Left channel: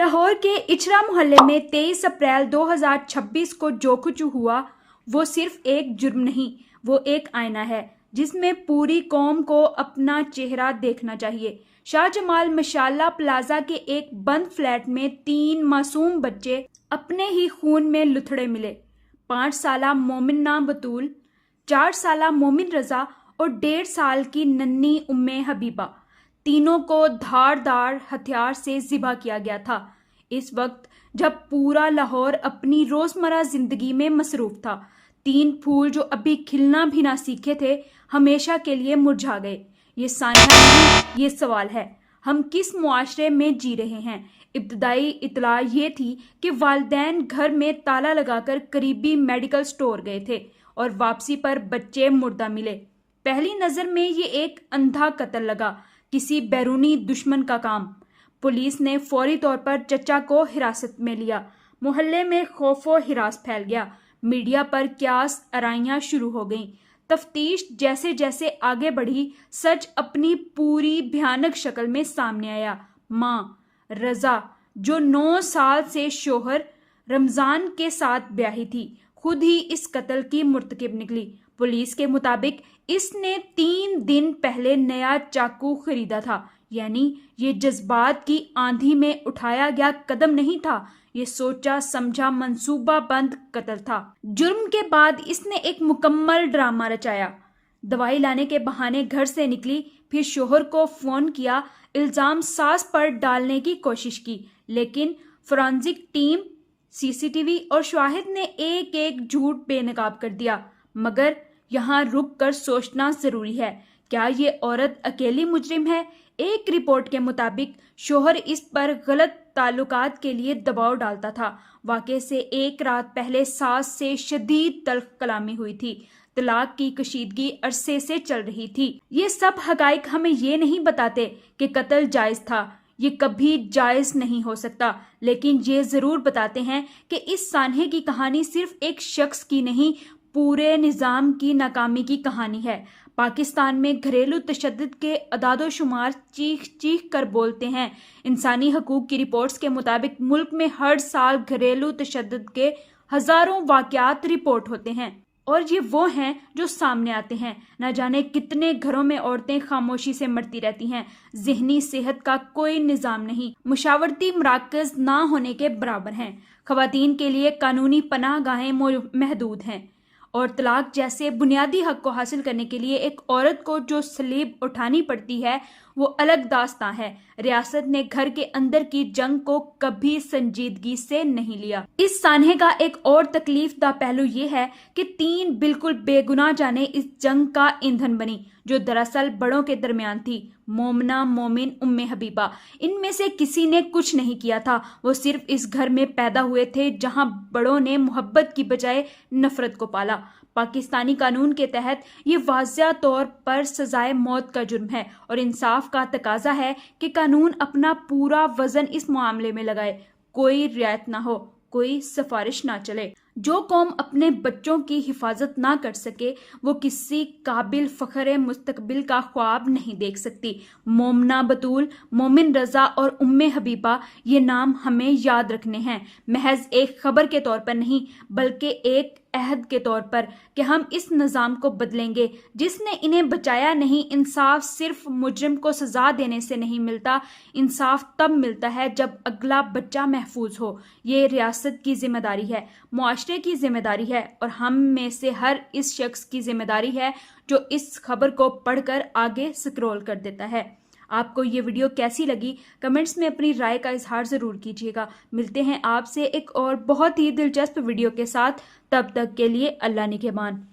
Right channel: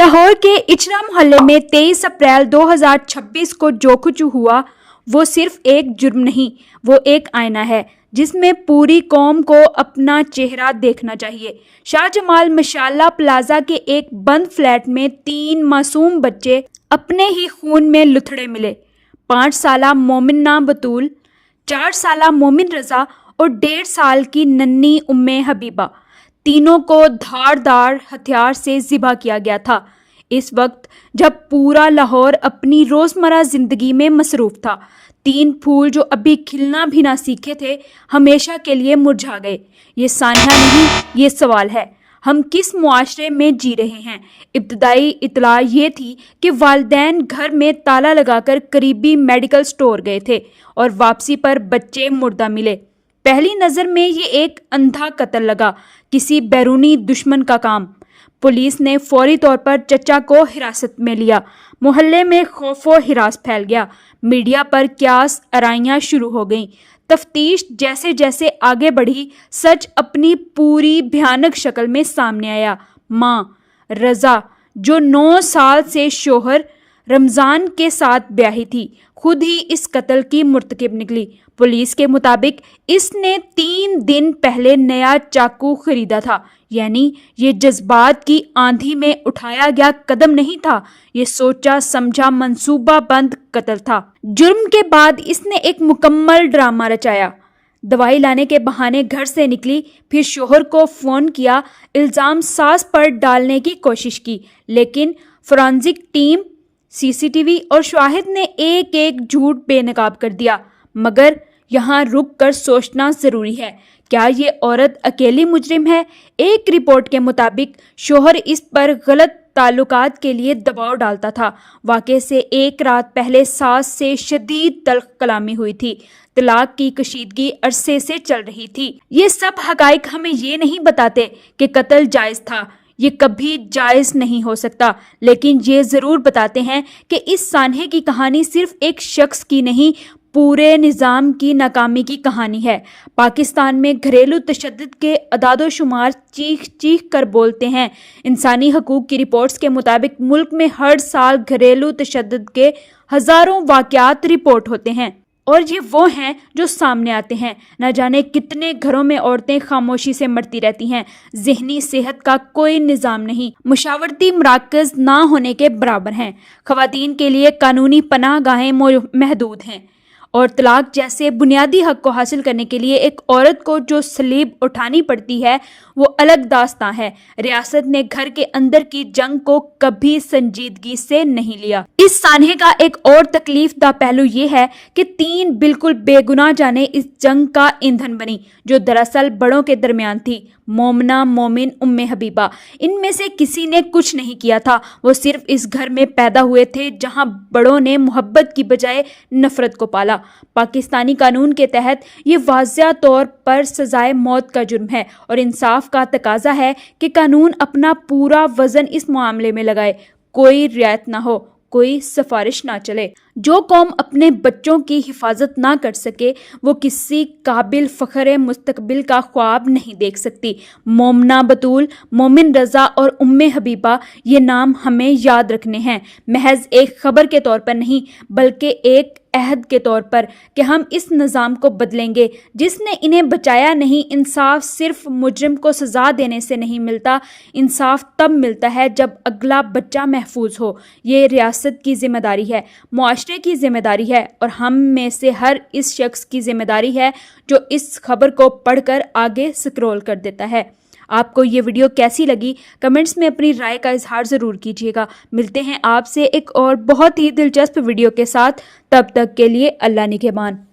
लाहौर के इचरा मोहल्ले में 23 अप्रैल 2026 को जो कुछ हुआ वो सिर्फ एक जुर्म नहीं, वो एक आईना है जिसमें पूरी कौम को अपना चेहरा देखना चाहिए। शाहजमाल मशाला प्लाजा के एक बंद फ्लैट में 3 मासूम बच्चे अपने ही खून में लुथड़े मिले। 5 साला मोमिना बतूल, 4 साला मोमिन रजा और 1.5 साल की नन्ही उम्मे हबीबा, तीनों को धारदार हथियार से ज़िबा किया गया था। इस वक्त जब पूरा लाहौर अपनी रोज़मर्रा ज़िंदगी में मसरूफ़ था, 3 फूल जो अभी खिलना भी ना सीखे थे हमेशा के लिए मुरझा गए। ये सानिया नहीं, ये सवाल है, हम किस मुआशरे में जी रहे हैं। इब्तदाई इतला ये थी कि वालिदैन घर में ताला लगाकर करीबी मेडिकल स्टोर गए थे और वापसी पर बच्चे मुर्दा मिले। पहली नज़र में ये एक अंधा कत्ल लगा, किसी बैरूनी दुश्मन का काम। पुलिस ने फौरी तौर पर चचा को हिरासत में लिया। मोहल्ले में खौफो हिरास फैल गया। मीडिया पर क्यास आराइयाँ शुरू हो गईं। तफ्तीश जैसे जैसे आगे बढ़ी, सच अपनी पूरी भयानक शक्ल में सामने आया। माँ रज़ा, जो 9 साल से शोहर रमज़ान के साथ ब्याही थी, खुद ही इस कत्ल की मुर्तकिब निकली। पुलिस के मुताबिक इसने 3 दिन पहले नया चाकू खरीदा था। यानी ये जज्बात की आंधी में उठाया गया कदम नहीं था, ये सोचा समझा मंसूबा बंद कत्ल था। जुर्म के बाद इसने एक मुकम्मल ड्रामा रचाया। दवाई लाने के बहाने घर से निकली, फिर शोहर को फ़ोन किया, इल्ज़ाम सास पर डालने की कोशिश की, लेकिन फोरेंसिक टीम, सीसीटीवी और शाहिद ने एक एक झूठ बेनकाब कर दिया। मगर यहाँ रुक कर सोचना ज़रूरी है, क्या ये औरत अकेली मुजरिम है? एक रिपोर्ट के मुताबिक शोहर इस पर गलत ताल्लुकात के लिए दबाव डालता था। वाक़े से एक रात पहले सास से शदीद तल्ख कलामी हुई थी। तलाक की कशीदगी अरसे से चल रही थी। ये सब हक़ाइक़ हमें ये नहीं बताते कि कत्ल जायज़ था, ये कभी जायज़ नहीं हो सकता, लेकिन ये ज़रूर बताते हैं कि इस सान्हे की कहानी सिर्फ एक शख्स की नहीं, पूरे निज़ाम की नाकामी की कहानी है। पाकिस्तान में घरेलू तशद्दुद के अदाद-ओ-शुमार चीख चीख कर बोलते हैं। इंसानी हकूक़ की रिपोर्ट्स के मुताबिक मुल्क में हर साल घरेलू तशद्दुद के हज़ारों वाक़यात रिपोर्ट होते हैं, और ये वो हैं जो सामने आते हैं। न जाने कितने घरों में औरतें खामोशी से मरती रहती हैं। ज़हनी सेहत का कोई निज़ाम नहीं, मुशावरती मराकज़ ना होने के बराबर हैं। ख़वातीन के लिए कानूनी पनाह गाहें महदूद हैं, और तलाक जैसे बुनियादी हक को हासिल करने के लिए एक औरत को जो सलीब उठानी पड़ती है वो अलग दास्तां है। रियासत ने घर के अंदर की जंग को कभी संजीदगी से नहीं लिया। इस सान्हे का एक और तकलीफदा पहलू ये है कि 3 बिल्कुल बेगुनाह जाने इस जंग का ईंधन बनी, जो दरअसल बड़ों के दरमियान थी। मोमना, मोमिन, उम्मे हबीबा, इनमें से किसी ने कुछ नहीं किया था। वो सिर्फ इस घर में पैदा हुए थे जहां बड़ों ने मोहब्बत की बजाय नफरत को पाला। पाकिस्तानी कानून के तहत ये वाज़िया तौर पर सजाए मौत का जुर्म है, और इंसाफ का तकाजा है कि कानून अपना पूरा वज़न इस मामले में लगाए। कोई रियायत ना हो, कोई सिफारिश ना चले। जो कौम अपने बच्चों की हिफाजत ना कर सके वो किसी काबिल फ़ख्र मुस्तकबिल का ख्वाब नहीं देख सकती। मोमना बतूल, मोमिन रज़ा और उम्मे हबीबा, ये नाम हमें याद रखने हैं, महज एक ख़बर के तौर पर नहीं, बल्कि एक अहद के तौर पर कि हम इस निज़ाम को बदलेंगे जिसने इन्हें बचाया नहीं। इंसाफ सिर्फ मुजरिम को सज़ा देने से नहीं मिलता, इंसाफ तब मिलता है जब अगला बच्चा महफूज हो। ये रियासत की ज़िम्मेदारी है, मुआशरे की ज़िम्मेदारी है, और हम में से हर इस शख्स की ज़िम्मेदारी है जो इस खबर को पढ़कर आगे स्क्रॉल कर देता है। आपको ये वीडियो कैसी लगी कमेंट्स में अपनी राय का इजहार ज़रूर कीजिएगा। मिलते हैं आपसे एक और बहुत ही दिलचस्प वीडियो के साथ, तब तक के लिए अल्लाह निगहबान।